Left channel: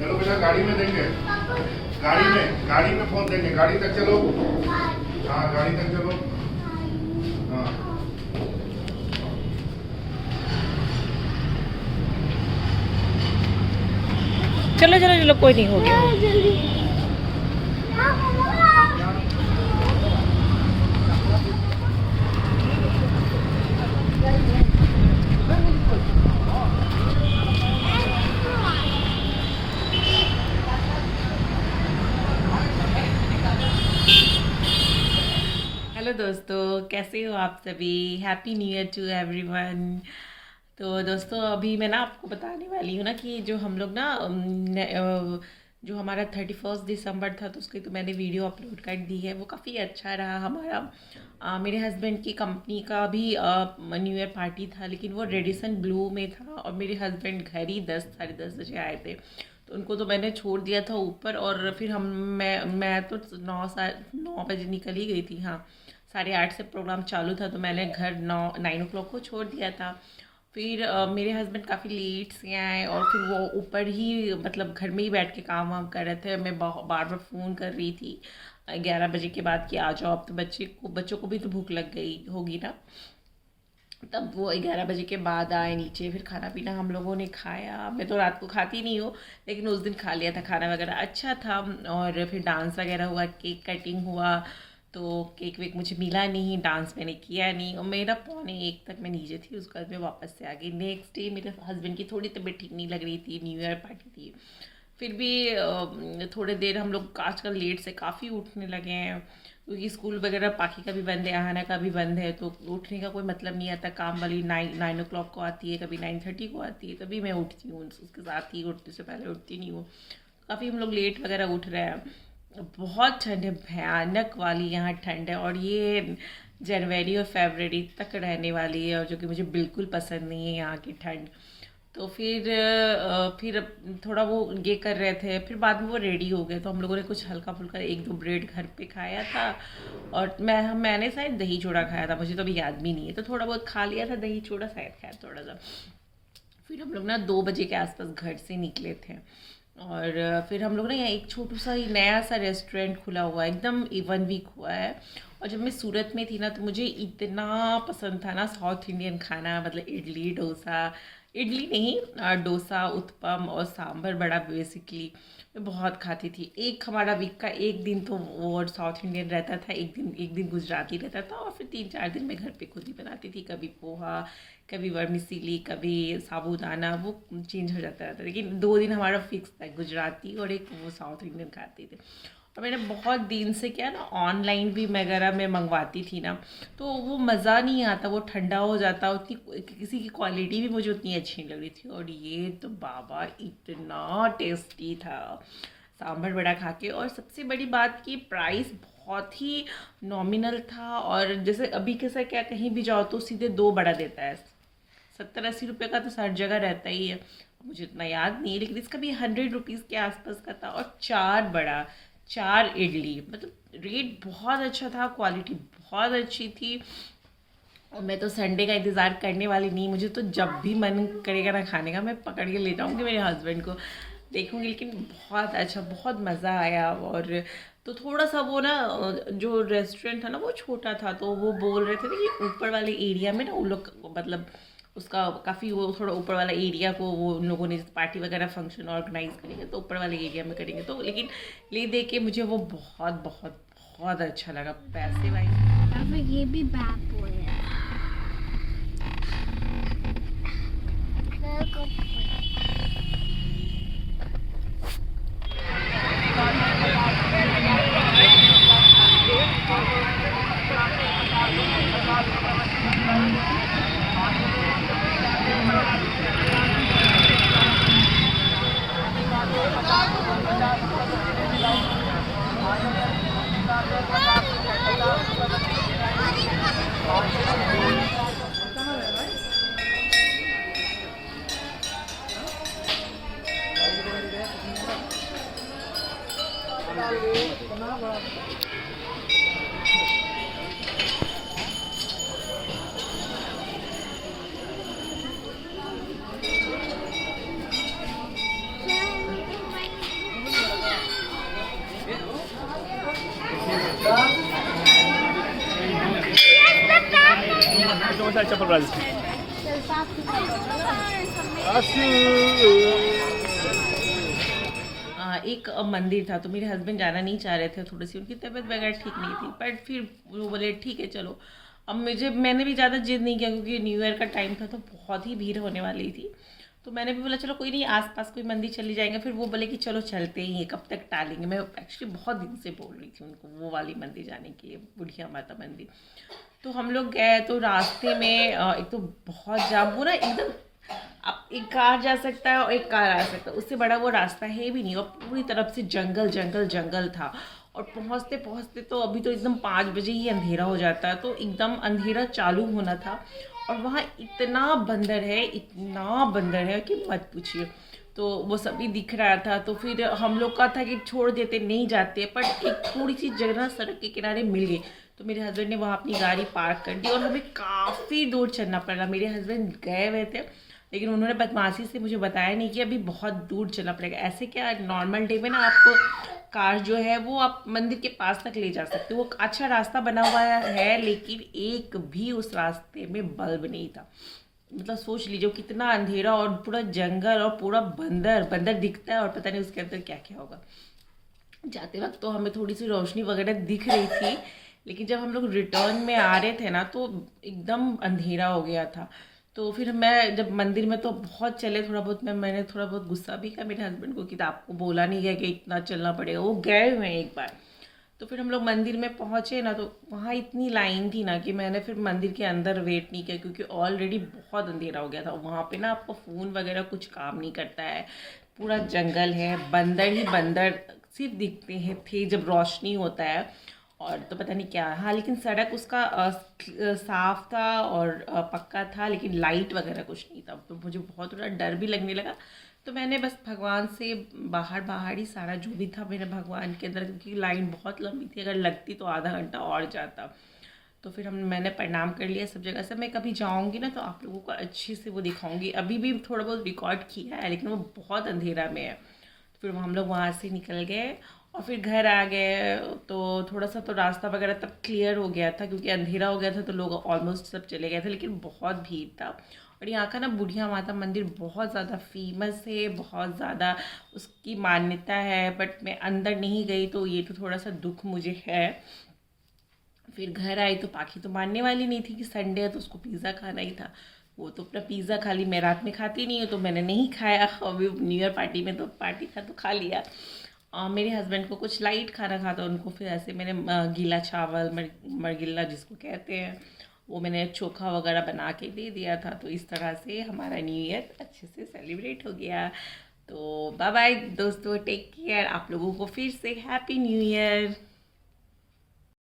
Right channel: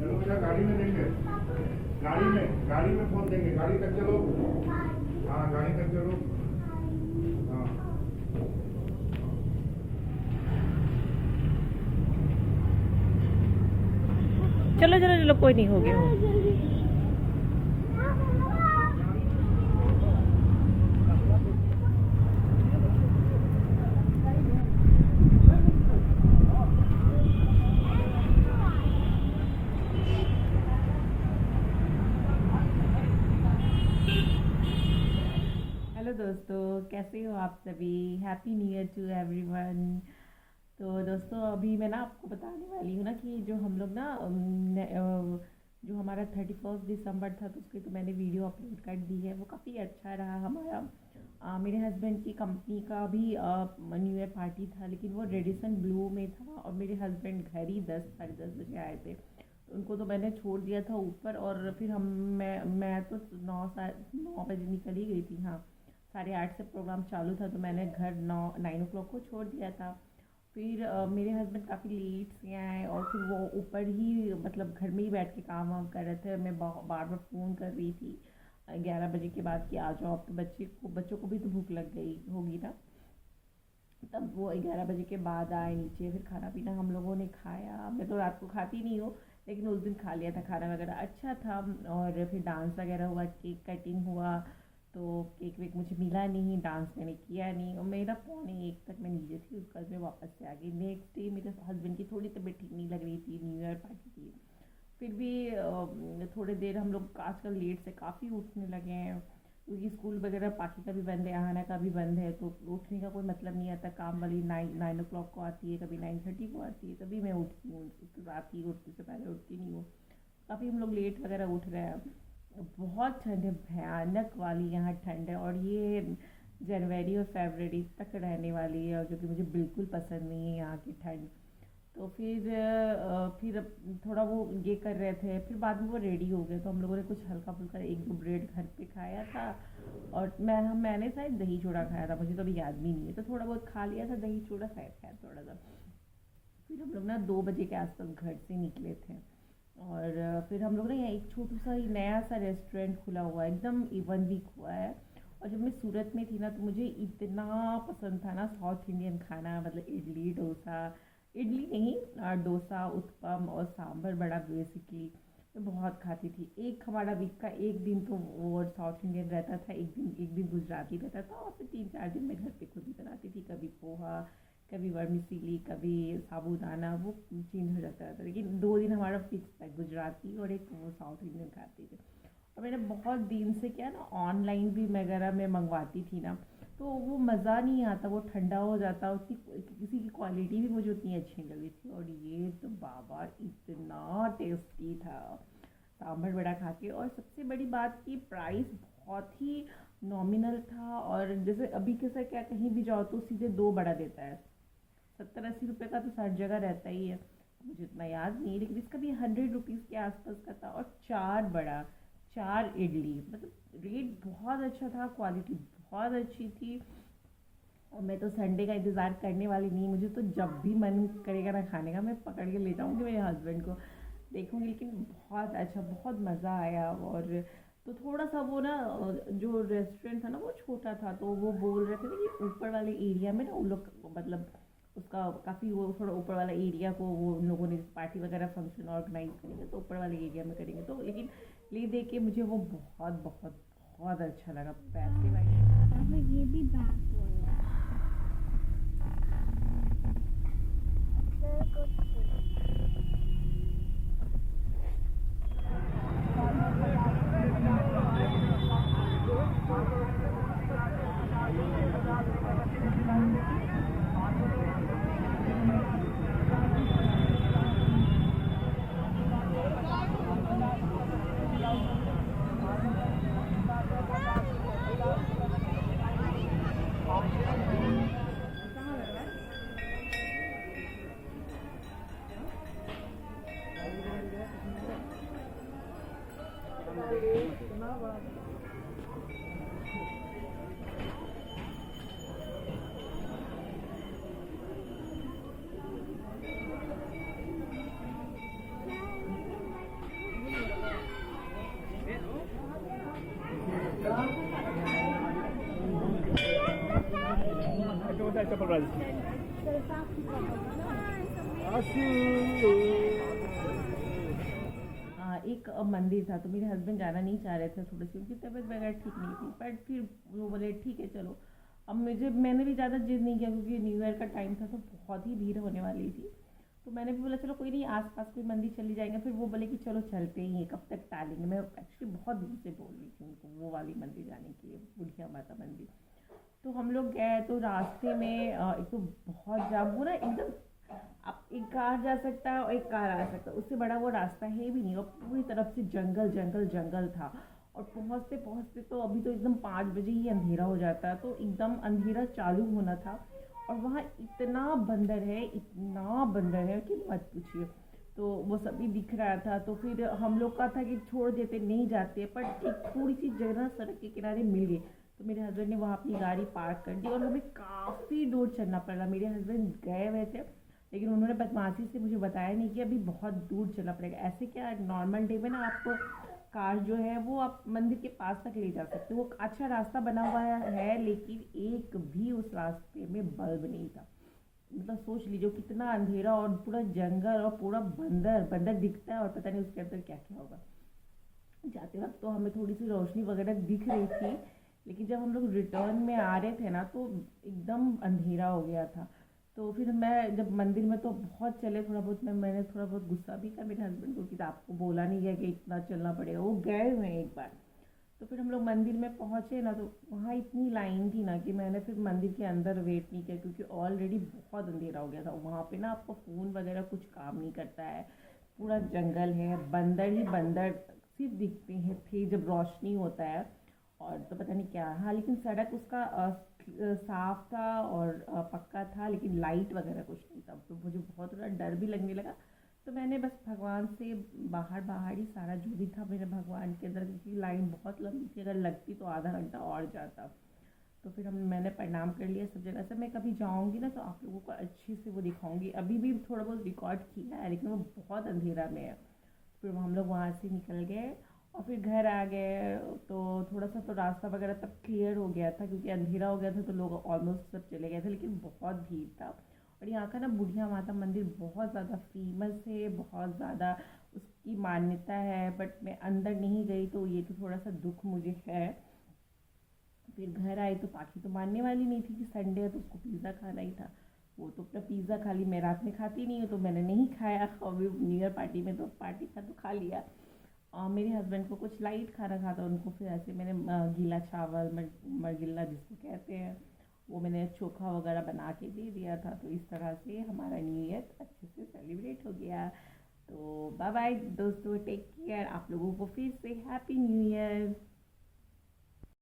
चलो बेटा गाड़ी में देंगे, गाड़ी में फोन देंगे, गाड़ी तक चलो। हाँ गाड़ी तक चलो। हाँ चलो चलो चलो, कोई नहीं, हो गया। हेलो दोस्तों, कैसे हो आप सभी? Happy new year to everyone. तो दोस्तों, अभी मैं ना आपको बताने वाली हूँ ना कि जो हम लोग ना जो हमारा 31 दिसंबर था, तो उसकी तो मैंने वीडियो अपलोड कर दी है। वो काफ़ी अच्छा रहा हमारा। मेरे हस्बैंड की कंपनी का भी न्यू ईयर पार्टी था, लेकिन वो रेडिसन ब्लू में था और मेरे हस्बैंड घर ही 10 साढ़े 10 बजे आए थे। तो उनको तो मैंने छोड़ दिया था ऊपर, और फिर मैं तो 9 बजे निकल ही गई थी। हाँ, 8:30 से प्रोग्राम चालू था, तो मैंने घर 9 को छोड़ दिया था। फिर मेरे हस्बैंड काफ़ी लेट से आए, और फिर वो ऊपर ही मतलब घर में ही बैठ के काम वाम कर रहे थे। मैं बार बार फ़ोन कर रही थी 11 बजे के बाद कि आ जाओ अब, तो बच्चों को भी तो भूख लग गई होगी ना। तब वो 11 बजे के बाद आए नीचे। फिर खाना पीना हम लोगों ने खाया। मैं तो रात को खाती नहीं हूँ, लेकिन उस दिन खा लिया था। खाना वगैरह अच्छा था, और फिर डांस वगैरह हुआ, केक कटिंग हुआ। तो केक वेक मुझे मिला नहीं, डांस मैंने किया नहीं, और मेरा 12:45 तक मैं नीचे थी। उसके बाद मैं वापस से आ गई। नेक्स्ट डे मेरे हस्बैंड की थोड़ी तबीयत ठीक नहीं लग रही थी, न्यू ईयर पार्टी थी। फिर भी थोड़े देर हम लोग आजकल लेट से काफ़ी उठने लगे हैं, क्योंकि स्कूल वगैरह पाखी का भी बंद है, आहाना का भी बंद है। तो उठने का कोई मतलब नहीं आता। काम वाली 9 o'clock को आती है, कभी 9:30 को आती है, तभी मैं उठती हूँ। उसके साथ ही उठने से पहले उठती नहीं हूँ। काफ़ी हम लोग लेट वगैरह उठ रहे हैं। बहुत ठंड है, भयानक वाली यहाँ ठंड है, और ये जनवरी और फरवरी तक रहने वाली है, और जो कि मुझे बिल्कुल पसंद नहीं है यहाँ की ठंड। तो फिर थोड़ा वो ये कर रहे थे। फिर बाद में वो रेडी हो गए, तो हम लोगों ने कुछ हल्का फुल्का 1-2 ब्रेड घर पे खाया था। और मैंने शायद दही चूड़ा खाया था, मुझे तो अभी याद भी नहीं है। तो थोड़ा बहुत खा लिया था, दही चूड़ा शायद खाया थोड़ा सा। फिर हम लोग ना 2 बजे के आसपास घर से निकले थे। और फिर हम लोग ना यहाँ एक छोटू सा ही नया सा रेस्टोरेंट खुला हुआ है, एकदम 1 वीक हुआ है। और जब मैं सूरत में थी ना, तो मुझे इतना पसंद था ना साउथ इंडियन खाना, मतलब इडली डोसा, इडली नहीं डोसा, उत्पम और सांभर बड़ा बेसिकली मैं बहुत खाती थी। एक हमारा वीक का एक दिन तो वो साउथ इंडियन रहता था, एक दिन गुजराती रहता था, और फिर 3-4 दिन मैं घर पे खुद ही बनाती थी। कभी पोहा, कभी वर्मिसेली, कभी साबूदाना, वो चेंज हो जाता रहता। लेकिन 2 दिन हमारा फिक्स था, गुजराती और एक वो साउथ इंडियन खाते थे। और मैंने बहुत दिन से क्या ना, ऑनलाइन भी वगैरह मैं मंगवाती थी ना, तो वो मज़ा नहीं आता, वो ठंडा हो जाता, उतनी किसी की क्वालिटी भी मुझे उतनी अच्छी नहीं लग रही थी। और ये तो बाबा इतना टेस्टी था सांभर बड़ा खा के। और सबसे बड़ी बात कि प्राइस बहुत ही नॉमिनल था। और जैसे अभी कैसा क्या, कहीं भी जाओ तो सीधे 2 बड़ा देता है। 70-80 रुपये का तो हर जगह रहता ही है। मुझे इतना याद नहीं है, लेकिन इसका भी 100 रुपीज़ के आसपास का था। और 4 बड़ा, 4 इडली, मतलब रेट बहुत अच्छा था, क्वालिटी बहुत अच्छी थी। और मैं तो संडे का इंतज़ार करने वाली नहीं, मुझे तो जब भी मन करेगा ना खाने का, मैं पकड़ के ले जाऊँगी मेरे हस्बैंड को, देखूँगी। लेकिन बहुत अच्छा, बहुत मज़ा आया। और तो थोड़ा सा वो ना, जो रेस्टोरेंट था ना वो छोटा था, तो वो बोल रहे थे ना कि ऊपर वाले एरिया में ना उन लोग मतलब उसका काफ़ी वो थोड़ा ऊपर वाला एरिया को वो उन लोगों ने पार्टी वगैरह फंक्शन ऑर्गेनाइज करेंगे, तो ऊपर वाले एरिया में करेंगे। तो लेकिन ले दे के मुझे वो बहुत बहुत बहुत अच्छा लगा। पैसे वाइज ये भी बैड बॉय है। Sen çapal razı. एक मंदिर था, तो मेरे हस्बैंड जाना नहीं चाह रहे थे, थोड़ी सी उनकी तबीयत वगैरह ठीक नहीं थी, बट फिर वो बोले ठीक है चलो। अब मैंने भी ज़्यादा जिद नहीं किया क्योंकि न्यू ईयर का टाइम था तो बहुत ही भीड़ होने वाली थी। तो मैंने भी बोला चलो कोई नहीं, आसपास कोई मंदिर चली जाएंगे। फिर वो बोले कि चलो चलते ही हैं, कब तक टालेंगे। मैं एक्चुअली बहुत दिन से बोल रही थी उनको वो वाली मंदिर जाने के लिए, बुढ़िया माता मंदिर। तो हम लोग गए तो रास्ते में एक तो बहुत जाम, पूरा एकदम, अब एक कार जा सकता है और एक कार आ सकता है, उससे बड़ा वो रास्ता है भी नहीं, और पूरी तरफ से जंगल जंगल जंगल था। और पहुंचते पहुंचते तो अभी तो एकदम 5 बजे ही अंधेरा हो जाता है, तो एकदम अंधेरा चालू होना था। और वहाँ इतना बंदर है कि मत पूछिए। तो वो सभी दिख रहा था, तो फिर हम लोग का था कि छोड़ देते, नहीं जाते, पर एक थोड़ी सी जगह सड़क के किनारे मिल गई। तो मेरे हस्बैंड ने वहाँ अपनी गाड़ी पार्क कर दी और हमें काफ़ी दूर चलना पड़ा। मेरे हस्बैंड गए हुए थे, लेकिन उन्होंने बदमाशी से मुझे बताया नहीं कि अभी बहुत दूर चलना पड़ेगा। ऐसे क्या नॉर्मल डे में ना आप कार जो है वो आप मंदिर के पास तक ले जा सकते हो, वो अच्छा रास्ता बना हुआ है, लेकिन एक भी उस रास्ते में बल्ब नहीं था। मतलब सोच लीजिए कितना अंधेरा और पूरा जंगल और पूरा बंदर दिखता है और पता नहीं उसके अंदर क्या क्या होगा। जाते वक्त तो हमें थोड़ी सी रोशनी वगैरह दिख रही थी, लेकिन जब हम लोग रिटर्न में आ रहे थे ना तो एकदम अंधेरा हो गया था। तो फिर मैं जब मंदिर में तो बहुत चले, थोड़ा बहुत मैंने थोड़ा बहुत गुस्सा भी किया मेरे हस्बैंड को कि आपको बोला नहीं गया कि इतना चलना पड़ेगा, वो गए हुए हैं एक बार। तो फिर हम लोग मंदिर में पहुँचे ना, तो वहाँ इतनी लाइन थी ना कि मैंने फिर मंदिर के अंदर वेट नहीं किया, क्योंकि ऑलरेडी बहुत अंधेरा हो गया था। वहाँ पे ना आपका फ़ोन वगैरह कुछ काम नहीं करता है, पूरा जंगल है, बंदर ही बंदर सिर्फ दिखते हैं थे जब रोशनी होता है। और तो पता नहीं क्या, हाँ लेकिन सड़क उसका साफ था और पक्का था, लेकिन लाइट वगैरह कुछ नहीं था। तो मुझे बहुत थोड़ा डर भी लगने लगा। तो मैंने बस भगवान से बाहर ही सारा जो भी था मेरे भगवान के अंदर, क्योंकि लाइन बहुत लंबी थी, अगर लगती तो आधा घंटा और जाता। तो फिर मैंने प्रणाम कर लिया सब जगह से। मैं कभी जाऊँगी ना तो आप लोगों को अच्छे से वो दिखाऊँगी। अभी भी थोड़ा बहुत रिकॉर्ड किया है, लेकिन वो बहुत अंधेरा में है। फिर हम लोग वहाँ से निकल गए और फिर घर आ गए। तो थोड़ा सा तो रास्ता वगैरह तब क्लियर हो गया था, क्योंकि अंधेरा हो गया था तो लोग ऑलमोस्ट सब चले गए थे, लेकिन बहुत भीड़ था। और यहाँ का ना बुढ़िया माता मंदिर बहुत ज़्यादा फेमस है, बहुत ज़्यादा उसकी मान्यता है, बट मैं अंदर नहीं गई, तो ये तो थोड़ा सा दुख मुझे है। फिर घर आई तो पाखी तो मानने वाली नहीं थी कि संडे है तो उसको पिज़्ज़ा खाना ही था। वो तो अपना पिज़्ज़ा खा ली, मैं रात में खाती नहीं हूँ तो मैंने नहीं खाया। अभी न्यू ईयर पार्टी में तो पार्टी था तो खा लिया। मेरे हस्बैंड को कुछ लाइट खाना खाता, उनको फिर ऐसे मैंने गीला चावल मरगिल्ला जिसको कहते हैं, वो मैंने चोखा वगैरह बना के दे दिया था। तो इस तरह से हमारा न्यू ईयर अच्छे से सेलिब्रेट हो गया। तो बाय बाय दोस्तों, टेक केयर। आप लोगों को फिर से हैप्पी न्यू ईयर।